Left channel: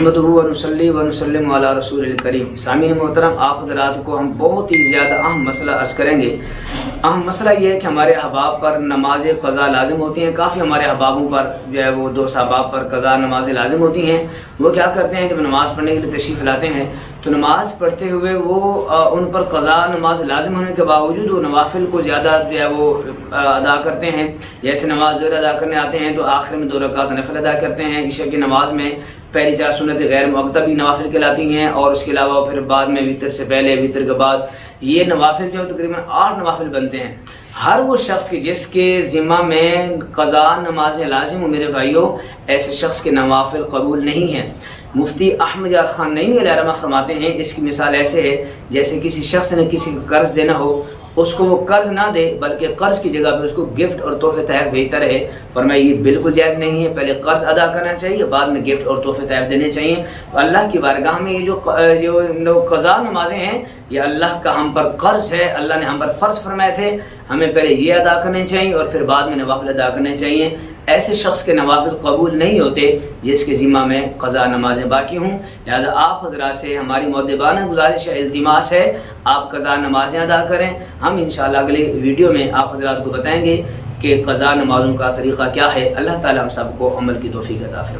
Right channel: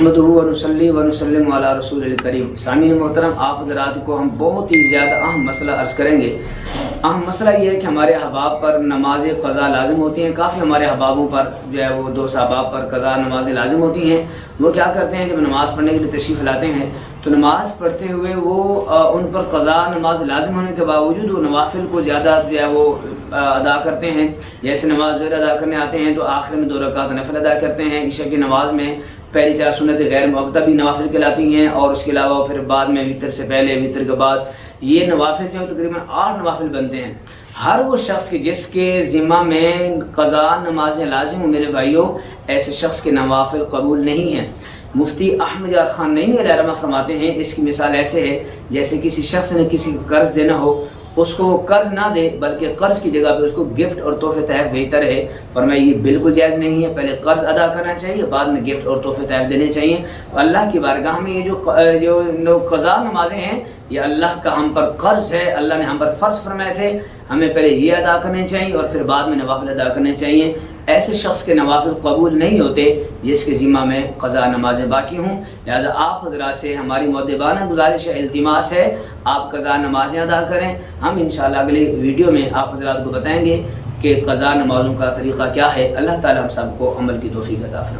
नहमदुहु व नुसल्ली व नुसल्लिमु अला रसूलिल करीम। सामीन मोहतरम, आप हज़रात को हम बहुत ही ज़्यादा अहम मसला अर्ज़ करेंगे। अहम मसला ये है कि हमारे अहबाब पर नमाज क़ज़ा लाजिम होती हैं। काफ़ी हमारे अहबाबों पर जो है वो दोस्त अहबाब पर क़ज़ा नमाज़ें लाजिम होती हैं। वो क्या करते हैं, जब नमाज़ पढ़ने के लिए तशरीफ़ लाते हैं तो नमाज़ पढ़ते हुए वो उन पर क़ज़ा नमाज लाजिम होने के बावजूद वो नवाफिल को ज़्यादा जो है वो अदा करते हैं। जैसे नमाज ज़ोहर अदा करने आते हैं तो आखिर में 2 रकात नफल अदा करते हैं। ईशा की नमाज़ में पहली 4 सुन्नत गैर मुअक्कदा भी नवाफिल कहलाती हैं, और उसके अलावा फिर बाद में वितर से पहले, वितर के बाद, ये नवाफिल जो तकरीबन 8 नवाफिल बनते हैं। हर वो शख्स के जिसके ज़िम्मा में क़ज़ा नमाज़ें लाजिम हो, मेरे भाइयों, ऐसे शख्स के नवाफिल कबूल नहीं हैं। मुफ्ती अहमद यार खान नईमी अलैहिर्रहमा फरमाते हैं, इसकी मिसाल ऐसे है जैसे किसी शख्स ने किसी को कर्ज देना हो, उसको वो कर्ज ना दे बल्कि कर्ज की जगह पे उसको गिफ्ट और तोहफे तहफ भेजता रहे। फरमाया ये बिल्कुल जायज़ नहीं है। पहले कर्ज अदा करना चाहिए, बाद में गिफ्ट और तोहफे तहफ देने चाहिए। अल्लाह की बारगाह में ये जो क़ज़ा नमाजें हैं, ये अल्लाह का हम पर कर्ज है। अल्लाह ने हम पर फ़र्ज फरमाए थे, हमें पहले ये अदा करने चाहिए और फिर बाद में नवाफिल अदा करने चाहिए। ऐसे शख्स के नवाफिल कबूल नहीं होते जिसके ज़िम्मा में क़ज़ा नमाजें बाकी हों। लिहाजा आप हज़रात से हमारी मुअद्दिबाना गुजारिश है, इल्तिमास है, आप क़ज़ा नमाजें अदा करें। हम इंशाअल्लाह अगले वीडियो में आप हज़रात को बताएंगे कि क़ज़ा नमाज़ों का तरीक़ा क्या है। अल्लाह ताला हम सबको अमल की तौफ़ीक़ अता फरमाए।